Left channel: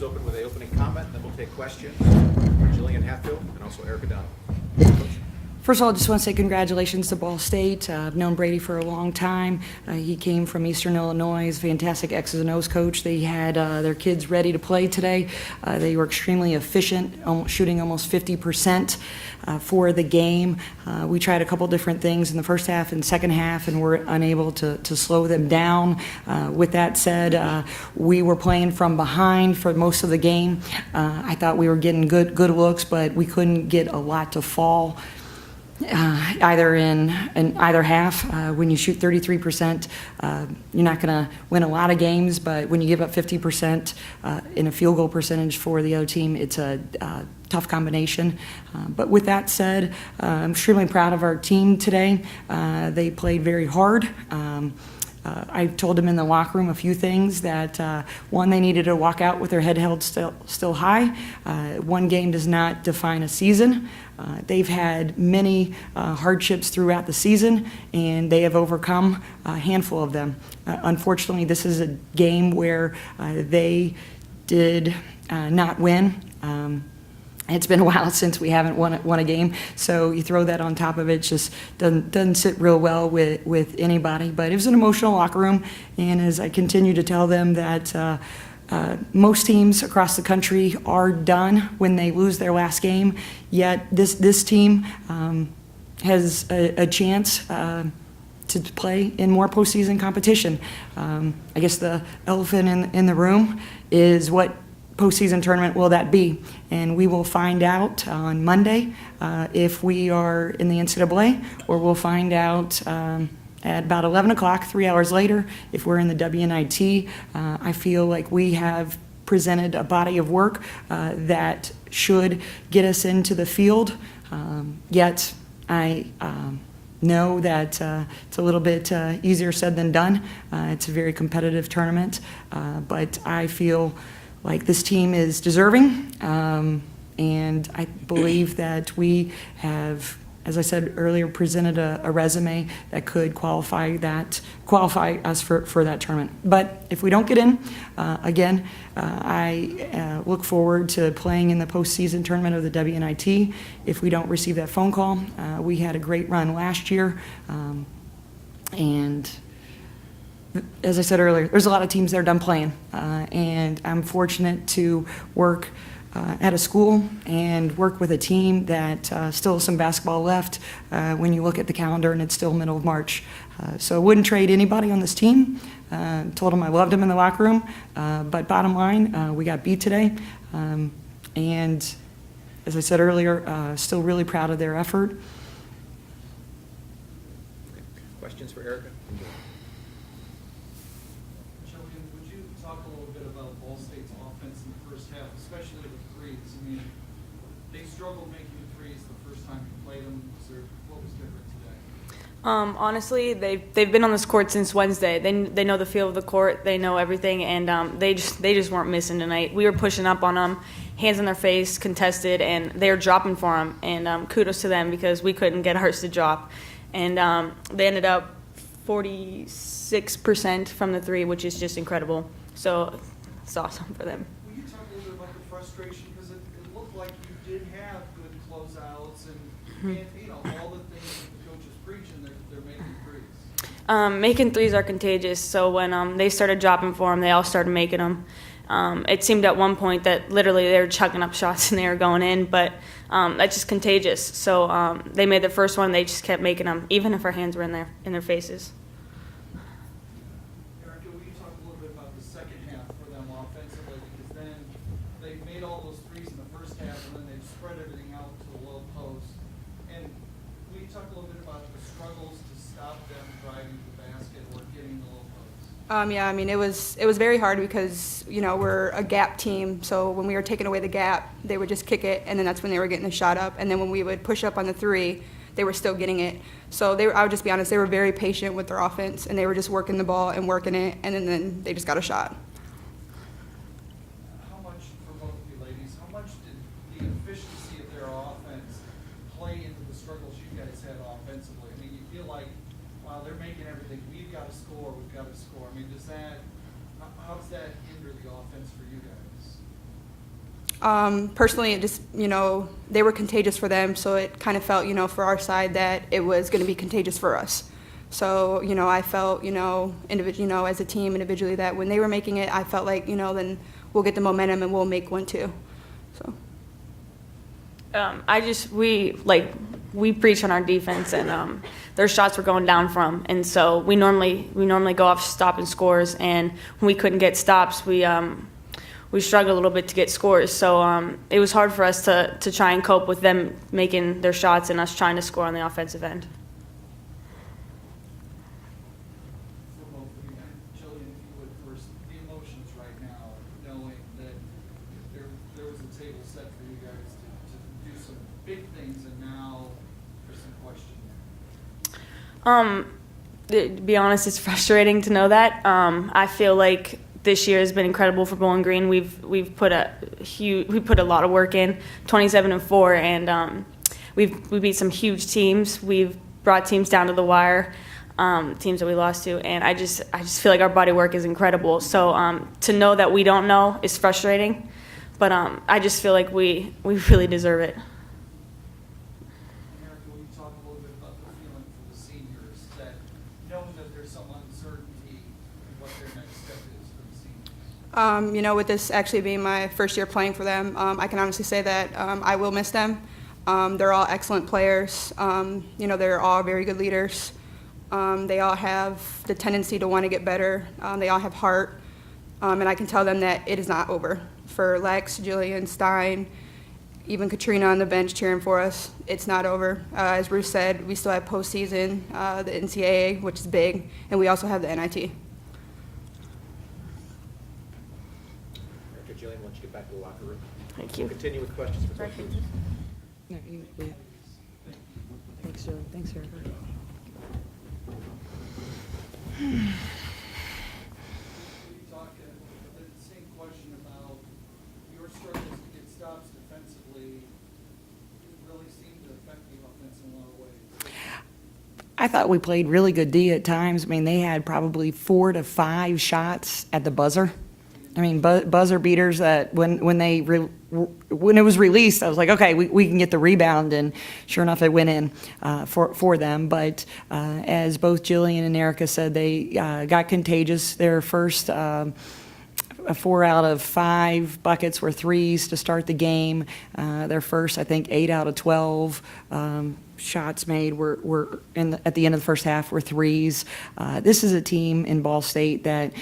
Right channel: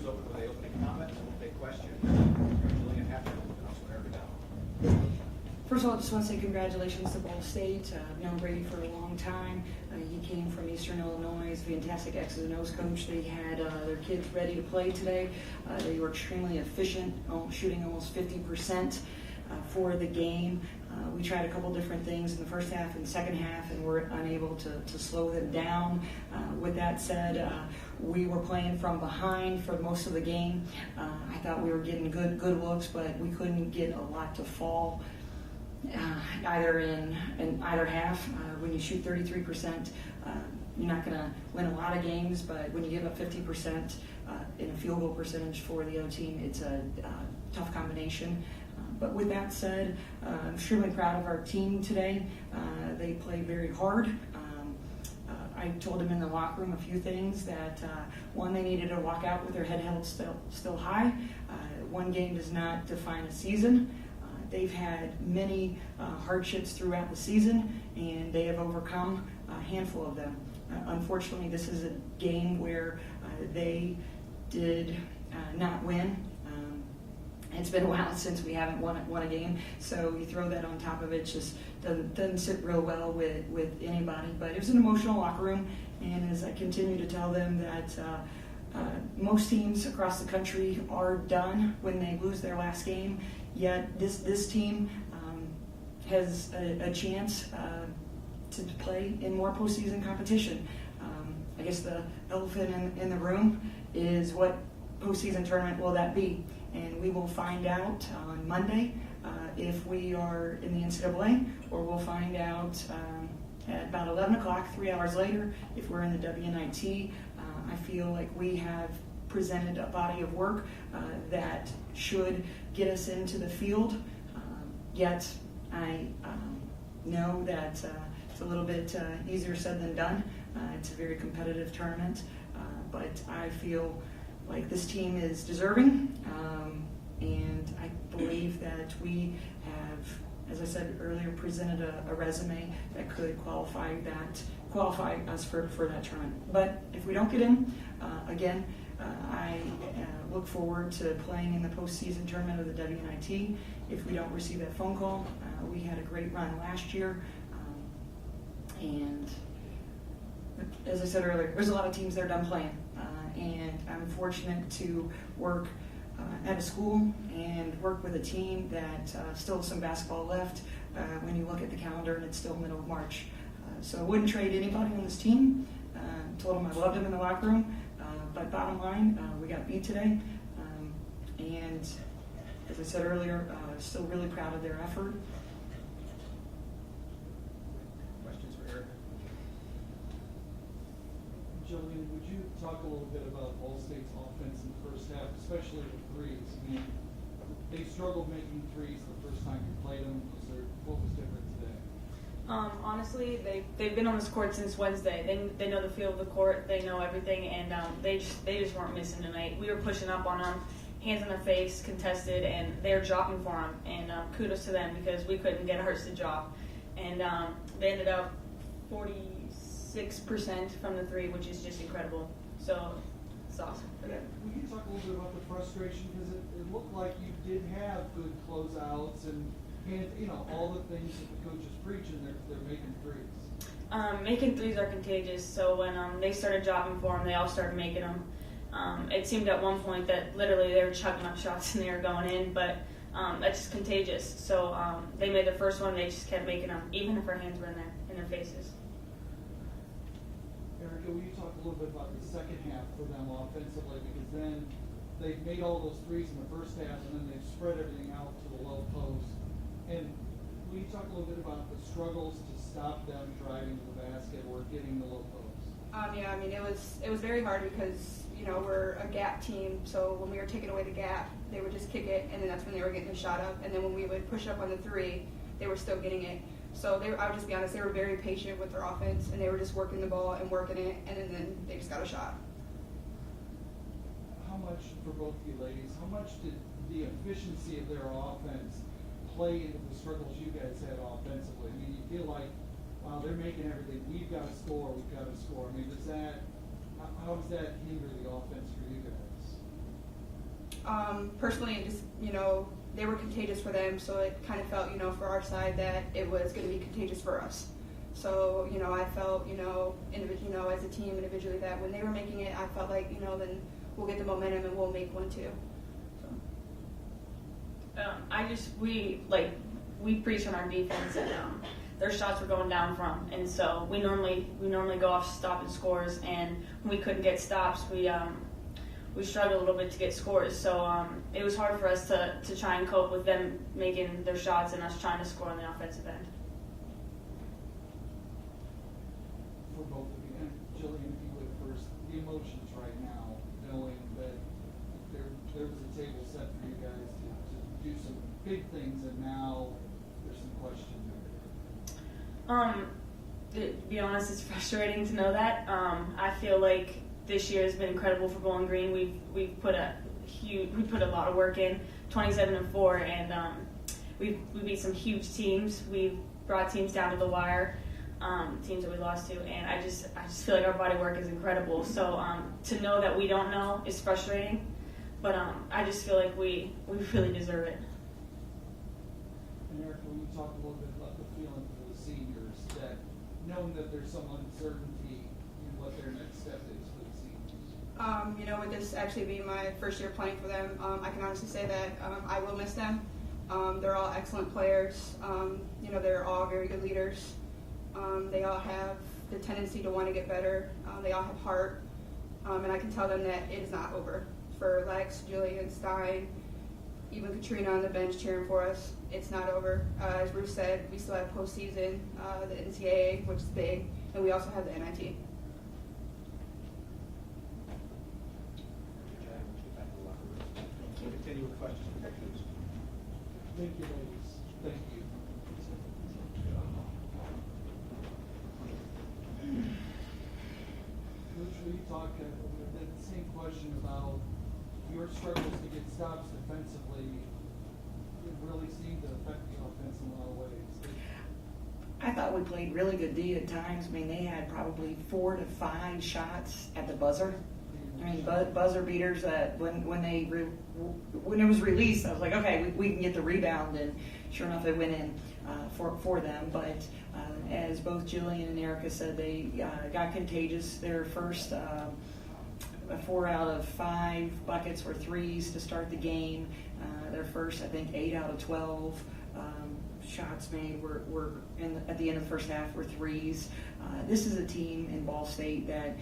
is open with an opening comment, and then we'll take questions. Jillian Hatfield and also Erica Dow. First of all, I just want to say congratulations to Ball State. I've known Brady for a long time. He came from Eastern Illinois. He's a fantastic X's and O's coach. They had their kids ready to play today. They were extremely efficient, shooting almost 50% for the game. We tried a couple different things in the first half and second half, and were unable to slow them down. With that said, we were playing from behind for most of the game. I thought we were getting good looks, but we couldn't get a lot to fall. Either in either half. When you shoot 33%, you're not going to win a lot of games, but when you give up 50% in a field goal percentage for the other team, it's a tough combination. But with that said, I'm extremely proud of our team today. They played very hard. I told them in the locker room a few things that, one, they needed to walk out with their head held still high. One game does not define a season. They've had many hardships throughout the season, and they have overcome a handful of them. Unfortunately, this is a game where they did not win. It's been a while since we haven't won a game, so you throw that on top of it, it just doesn't sit real well with anybody. But it was an emotional locker room, and as I continue to tell them that most teams across the country are done when they lose their last game, yet this team has a chance to play in more postseason competition. I guess the elephant in the room is what postseason tournament will that be? And we will find out on Monday if we are in the NCAA, or we'll find out at about 11 o'clock, 3 hours later, if we're in the WNIT. I feel like we have presented a body of work that should get us into the field, yet I know that it's a little bit easier said than done. It's a very competitive tournament, but I feel like this team is deserving, and I believe that we have, as I said earlier, presented a resume that could qualify us for that tournament. But if we don't get in, again, I look forward to playing in the postseason tournament of the WNIT. If we don't receive that phone call, we had a great run last year, and as I said earlier, there's a lot of teams that are done playing, and I'm fortunate to work at a school and work with a team that still has some basketball left when you look at the calendar, and it's still middle of March. So I wouldn't trade anybody on this team. Told them I loved them in the locker room, but bottom line, we got beat today, and as I said earlier, still really proud of their effort. Questions for Erica? Jillian, would you talk a little bit about Ball State's offense in the first half, especially with threes? I mean, they struggled making threes the first time you played them. What was different today? Honestly, they've been on this court since Wednesday. They know the feel of the court. They know everything, and they just weren't missing tonight. We were pushing up on them, hands in their face, contested, and they were dropping for them. And kudos to them, because we couldn't get ours to drop. And they ended up 46% from the three, which is just incredible. So it's awesome for them. Will you talk a little bit about the frustration? Because it looked like you did have good closeouts and you know, all the things that the coach is preaching, they're making threes. Making threes are contagious. So when they started dropping for them, they all started making them. It seemed at one point that literally they were chucking up shots and they were going in, but that's just contagious. So they made the first one, they just kept making them, even if our hands were in their faces. Erica, will you talk a little bit about the second half for them offensively? Because then they made all those threes in the first half, and then they spread everything out to the low post. And will you talk a little bit about the struggles to stop them driving the basket or getting the low post? Yeah, I mean, it was very hard because, you know, we're a gap team. So when we were taking away the gap, they would just kick it, and then that's when they were getting the shot up. And then when we would push up on the three, they were still getting it. So I would just be honest, they were very patient with their offense, and they were just working the ball and working it, and then they just got a shot. How much, for both of you ladies, how much did the efficiency of their offense play into the struggles you guys had offensively? I mean, you feel like, wow, they're making everything. We've got to score. I mean, how does that hinder the offense for you guys? Personally, it just, they were contagious for them, so it kind of felt, for our side that it was going to be contagious for us. So, I felt, as a team individually that when they were making it, I felt like, then we'll get the momentum and we'll make one too. So. We preach on our defense, and their shots were going down from, and so we normally go off stop and scores, and when we couldn't get stops, we struggled a little bit to get scores. So it was hard for us to try and cope with them making their shots and us trying to score on the offensive end. For both of you, Jillian, if you would first, the emotions right now, knowing that there was a table set for you guys to do some big things, and now there's some question there. To be honest, it's frustrating to know that. I feel like this year has been incredible for Bowling Green. We put a lot of work in, 27-4, and we beat some huge teams. We've brought teams down to the wire, teams that we lost to, and I just feel like our body work is incredible. So to know that we don't know is frustrating, but I just feel like we really deserve it. And Erica, when you talk a little bit about the feeling for the seniors, that knowing that there's some uncertainty in what their next step is for the seniors. With this actually being my first year playing for them, I can honestly say that I will miss them. They're all excellent players. They're all very good leaders. They all have the tendency to want to get better. They all have heart. And I can tell them that it is not over. For Lex, Jillian, Stein, even Katrina on the bench cheering for us, it's not over. As Bruce said, we still have postseason, the NCAA, which is big, and we also have the NIT. After Jillian, why don't you get back to the locker room? Thank you. We'll continue with questions. For both of you. Thank you. Thanks, sir. Thanks, sir. When you talk, the same question about your struggles to get stops defensively, it really seemed to affect the offense in a lot of ways. I thought we played really good D at times. I mean, they had probably 4 to 5 shots at the buzzer. I mean, buzzer beaters that when it was released, I was like, okay, we can get the rebound, and sure enough, it went in for them. But as both Jillian and Erica said, they got contagious. Their first 4 out of 5 buckets were threes to start the game. Their first, I think, 8 out of 12 shots made were at the end of the first half were threes. This is a team in Ball State that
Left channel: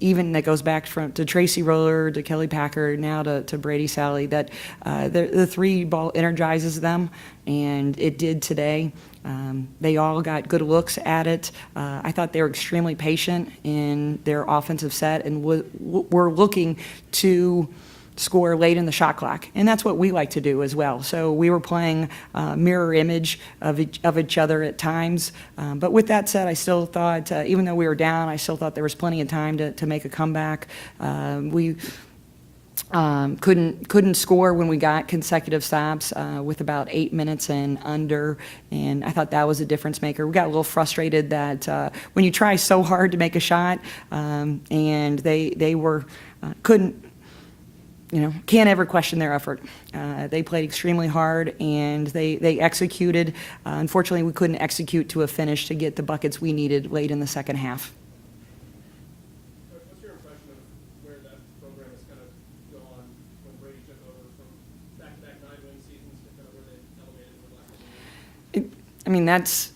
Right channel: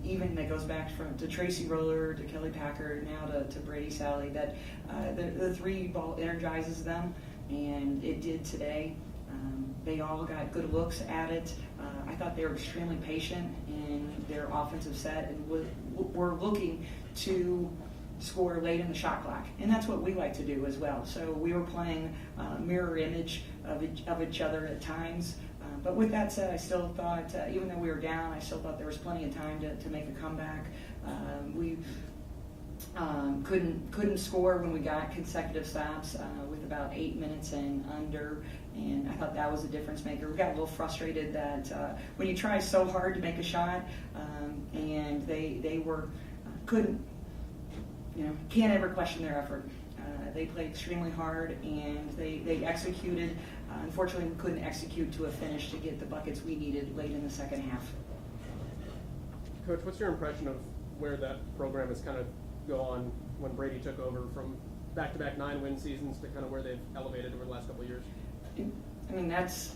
even that goes back to Tracy Roller, to Kelly Packard, now to Brady Sally, that the three ball energizes them, and it did today. They all got good looks at it. I thought they were extremely patient in their offensive set and were looking to score late in the shot clock, and that's what we like to do as well. So we were playing mirror image of each other at times. But with that said, I still thought, even though we were down, I still thought there was plenty of time to make a comeback. We couldn't score when we got consecutive stops with about 8 minutes and under, and I thought that was a difference maker. We got a little frustrated that when you try so hard to make a shot, and they were couldn't. Can't ever question their effort. They played extremely hard, and they executed. Unfortunately, we couldn't execute to a finish to get the buckets we needed late in the second half. Coach, what's your impression of where that program has kind of gone when Brady took over, from back-to-back 9-win seasons to kind of where they've elevated over the last couple of years? That's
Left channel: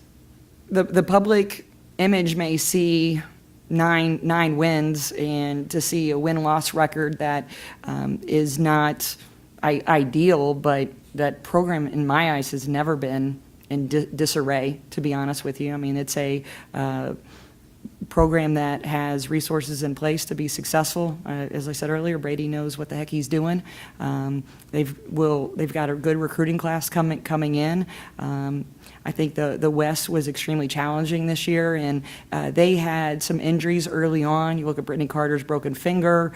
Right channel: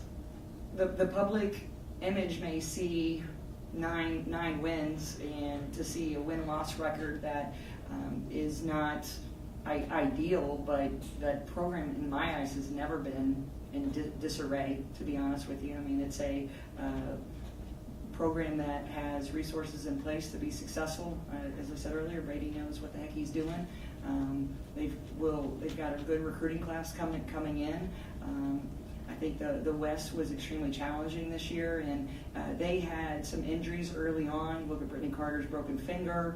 the public image may see nine wins, and to see a win-loss record that is not ideal, but that program in my eyes has never been in disarray, to be honest with you. I mean, it's a program that has resources in place to be successful. As I said earlier, Brady knows what the heck he's doing. They've got a good recruiting class coming in. I think the West was extremely challenging this year, and they had some injuries early on. You look at Brittany Carter's broken finger.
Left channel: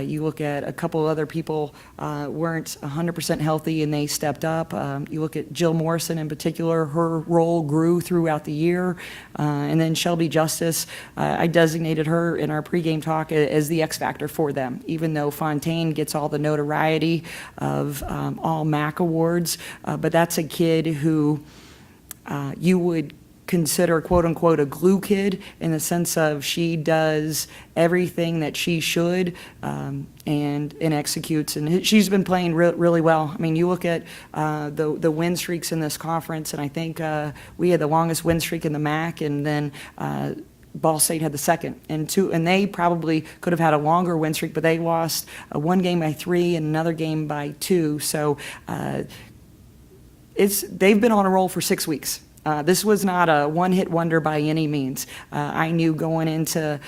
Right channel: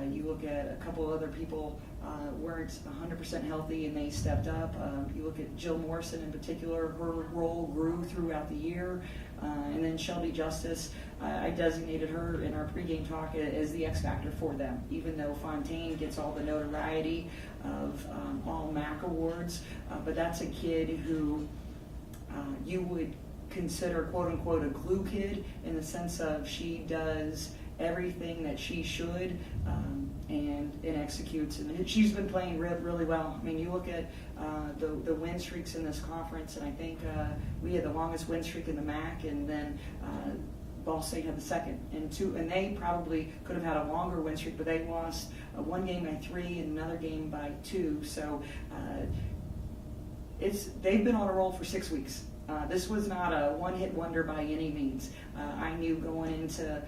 You look at a couple other people weren't 100% healthy, and they stepped up. You look at Jill Morrison in particular. Her role grew throughout the year. And then Shelby Justice, I designated her in our pregame talk as the X factor for them, even though Fontaine gets all the notoriety of all MAC awards. But that's a kid who you would consider quote unquote a glue kid, in the sense of she does everything that she should and executes, and she's been playing really well. I mean, you look at the win streaks in this conference, and I think we had the longest win streak in the MAC, and then Ball State had the second, and they probably could have had a longer win streak, but they lost one game by 3 and another game by 2. So they've been on a roll for 6 weeks. This was not a one-hit wonder by any means. I knew going into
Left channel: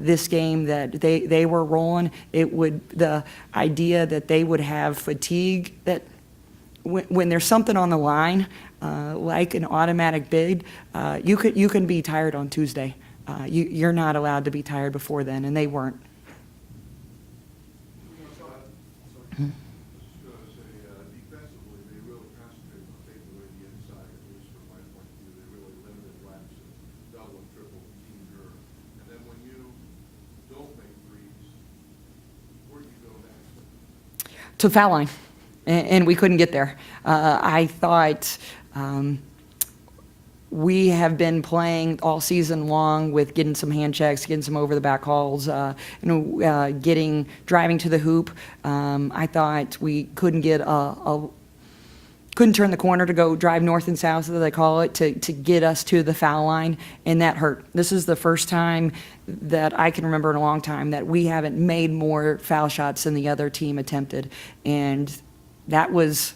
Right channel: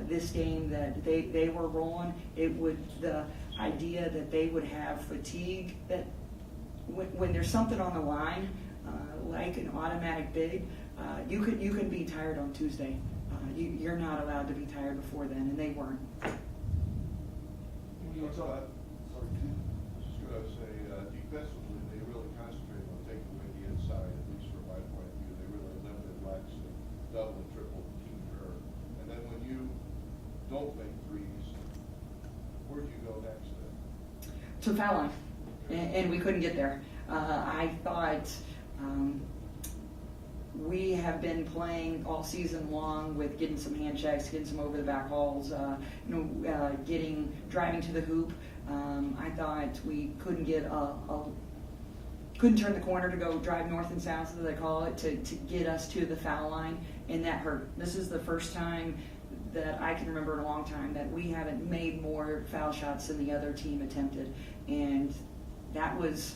this game that they were rolling. The idea that they would have fatigue, that when there's something on the line, like an automatic bid, you can be tired on Tuesday. You're not allowed to be tired before then, and they weren't. Defensively, they really concentrated on taking away the inside, at least from my point of view. They really limited Lex and double and triple team her. And then when you don't make threes, where do you go next then? To foul line, and we couldn't get there. I thought we have been playing all season long with getting some hand checks, getting some over the back hauls, driving to the hoop. I thought we couldn't get couldn't turn the corner to go drive north and south, as they call it, to get us to the foul line, and that hurt. This is the first time that I can remember in a long time that we haven't made more foul shots than the other team attempted, and that was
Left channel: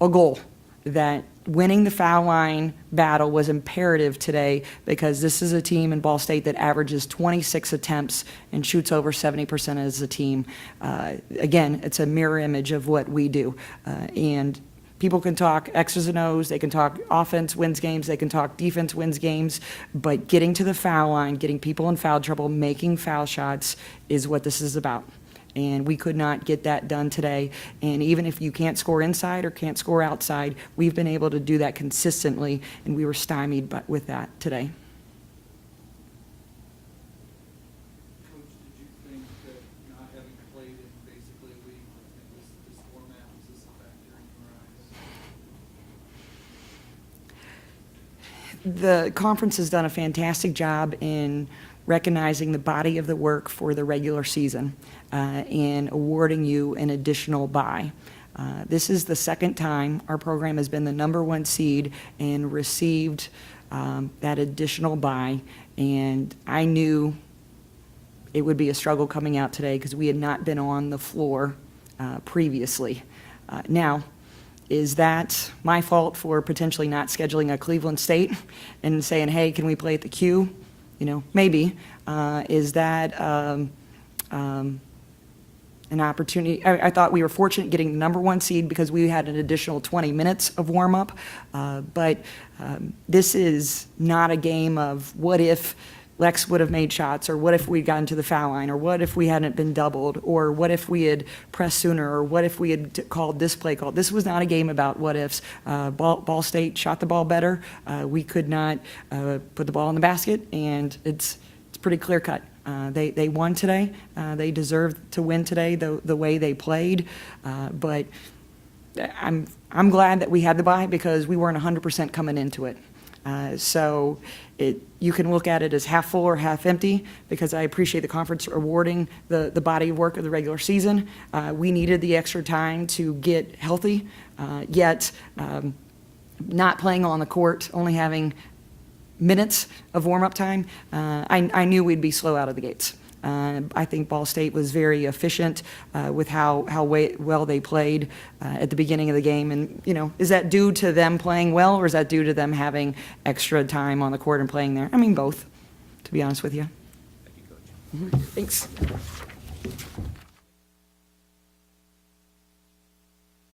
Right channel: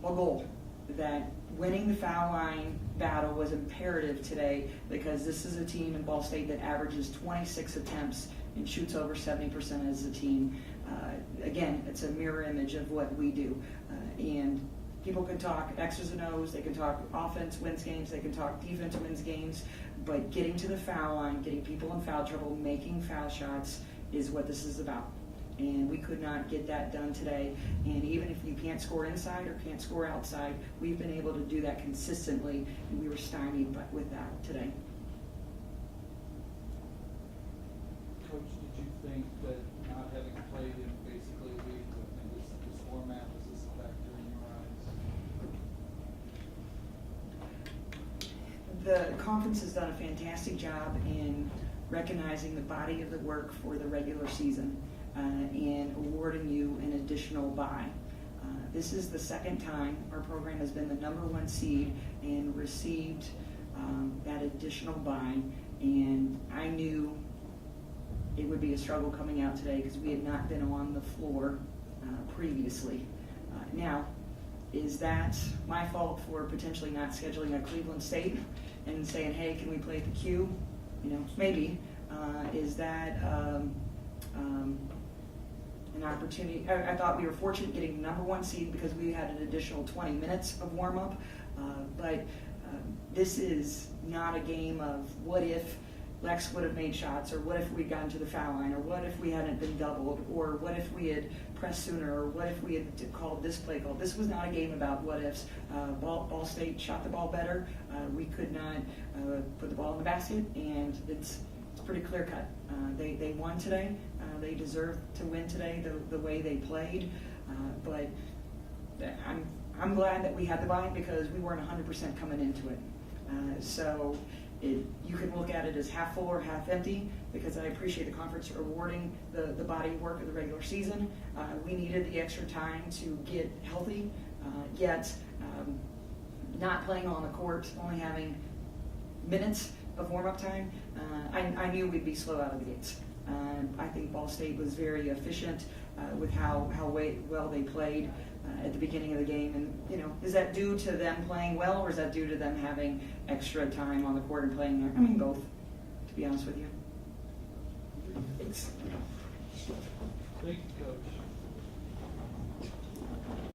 a goal. That winning the foul line battle was imperative today, because this is a team in Ball State that averages 26 attempts and shoots over 70% as a team. Again, it's a mirror image of what we do. And people can talk X's and O's, they can talk offense wins games, they can talk defense wins games, but getting to the foul line, getting people in foul trouble, making foul shots is what this is about. And we could not get that done today. And even if you can't score inside or can't score outside, we've been able to do that consistently, and we were stymied with that today. Coach, did you think that not having played in basically a week, and this format, was this a factor in your eyes? The conference has done a fantastic job in recognizing the body of the work for the regular season and awarding you an additional bye. This is the second time our program has been the #1 seed and received that additional bye, and I knew it would be a struggle coming out today because we had not been on the floor previously. Now, is that my fault for potentially not scheduling a Cleveland State and saying, hey, can we play at the Q? Maybe. Is that an opportunity? I thought we were fortunate getting the #1 seed because we had an additional 20 minutes of warm-up. But this is not a game of what if Lex would have made shots, or what if we'd gotten to the foul line, or what if we hadn't been doubled, or what if we had pressed sooner, or what if we had called this play call. This was not a game about what ifs. Ball State shot the ball better. We could not put the ball in the basket, and it's pretty clear cut. They won today. They deserved to win today the way they played. But I'm glad that we had the bye, because we weren't 100% coming into it. So you can look at it as half full or half empty, because I appreciate the conference awarding the body of work of the regular season. We needed the extra time to get healthy, yet not playing on the court, only having minutes of warm-up time, I knew we'd be slow out of the gates. I think Ball State was very efficient with how well they played at the beginning of the game. And, is that due to them playing well, or is that due to them having extra time on the court and playing there? I mean, both, to be honest with you. Thank you, Coach. Thanks.